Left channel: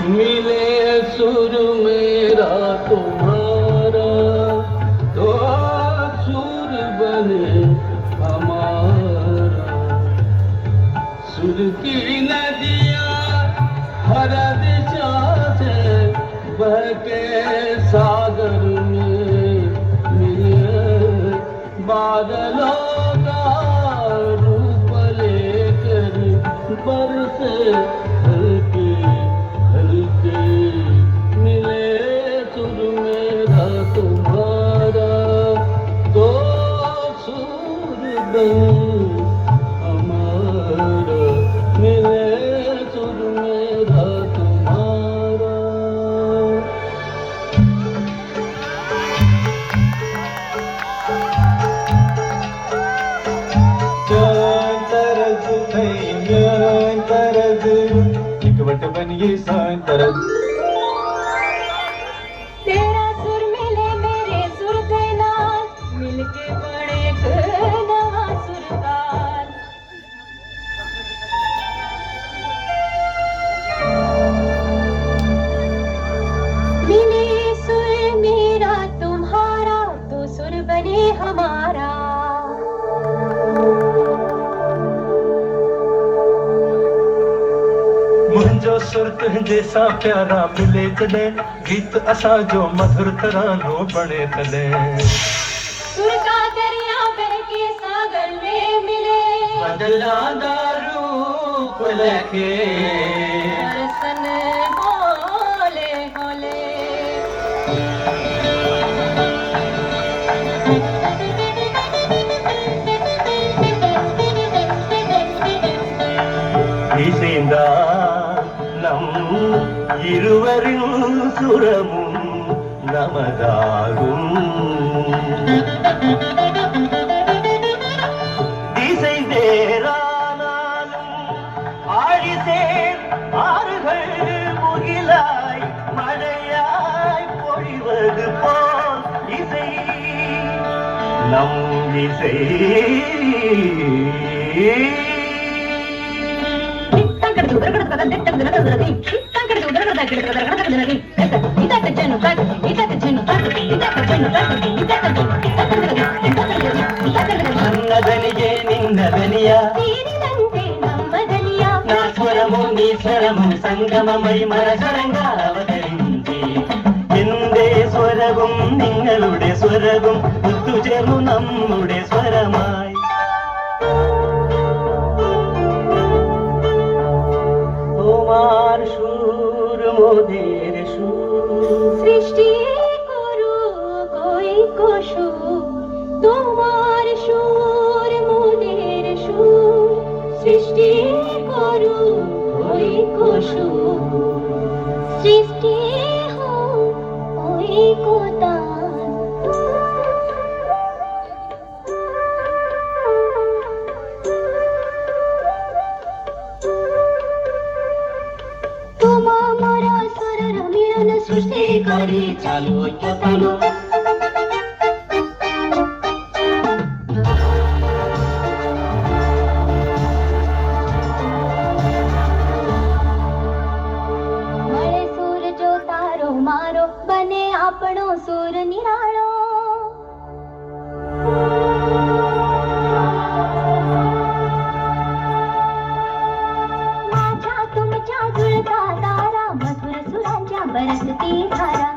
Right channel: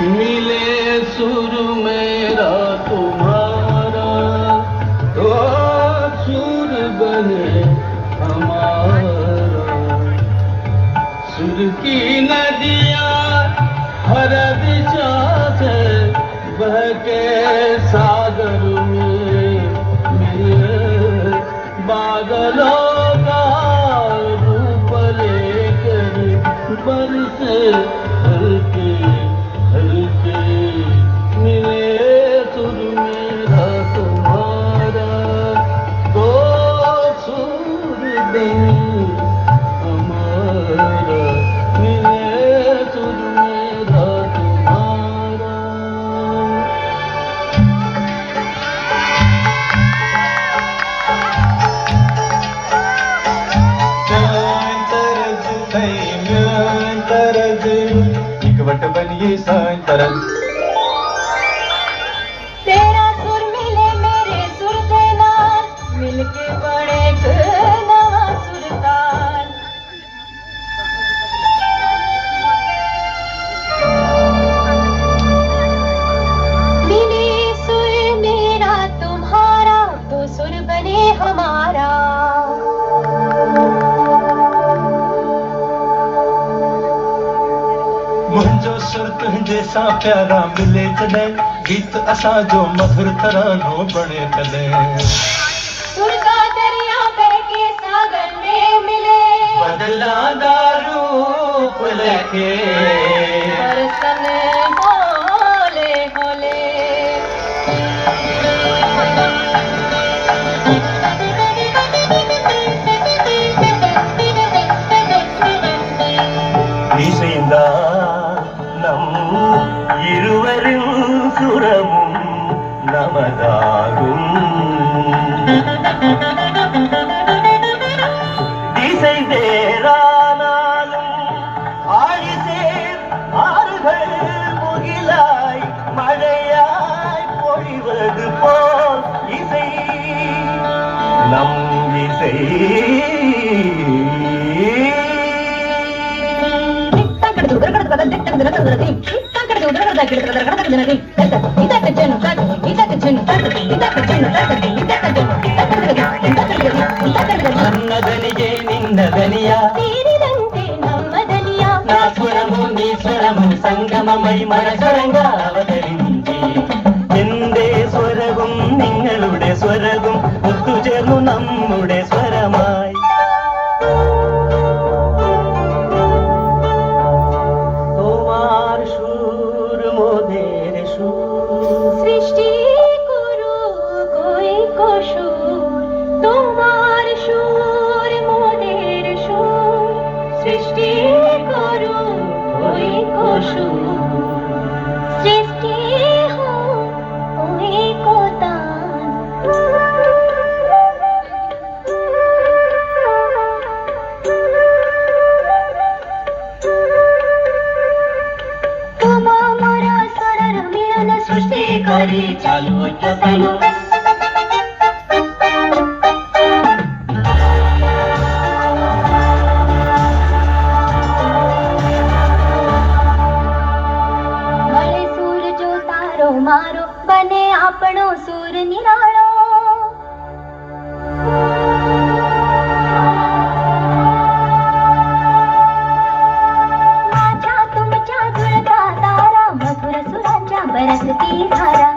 मिले सुर मेरा तुम्हारा तो सुर बने हमारा। सुर की नदियाँ हर दिशा से बहके सागर में मिले। बादलों का रूप लेकर बरसे हल्के हल्के। मिले सुर मेरा तुम्हारा तो सुर बने हमारा। मिले सुर मेरा तुम्हारा। इकवट बनिए सांतरज। तेरा सुर मिले मेरे सुर दे नाल, मिलके बने एक नवा सुरताल। मिले सुर मेरा तुम्हारा तो सुर बने हमारा। मुंहिंजो सुर तुंहिंजे सां प्यारा मिले जॾहिं, गीत असां जो मधुर तरानो बणे तॾहिं। सुर का दरिया बहके सागर में मिले, बदलांदा रूप लेके बरसन होले होले। இசைந்தா நம் இருவரின் சுரமும் நமதாகும். திசை வேறானாலும் ஆழிசேர் ஆறுகள் முகிலாய் மழையாய் பொழிவது போல் இசை நம் இசை. నన్నదనియే నిన్నదనియా తీరినంతే నమ్మదనియా. నా స్వరము నీ స్వరము సంగమమై మన സ്വരങ്ങൾ അവതరించి എന്റെ സ്വരവും നിങ്ങളുടെ സ്വരവും ഒത്തുചേർന്നു നമ്മുടെ സ്വരമായി. তোমার সুর মোদের সুর, সৃষ্টি করু কই কসুর, তোমার সুর মোদের সুর। সৃষ্টি করু কই কসুর, সৃষ্টি হো ওই কোতান। তোমা মোরা স্বরর মিলন সৃষ্টি করি চালু ঐক্যতান। મળે સૂર જો તારો મારો, બને આપણો સૂર નિરાળો। माझ्या तुमच्या जुळता तारा, मधुर सुरांच्या बरसती धारा।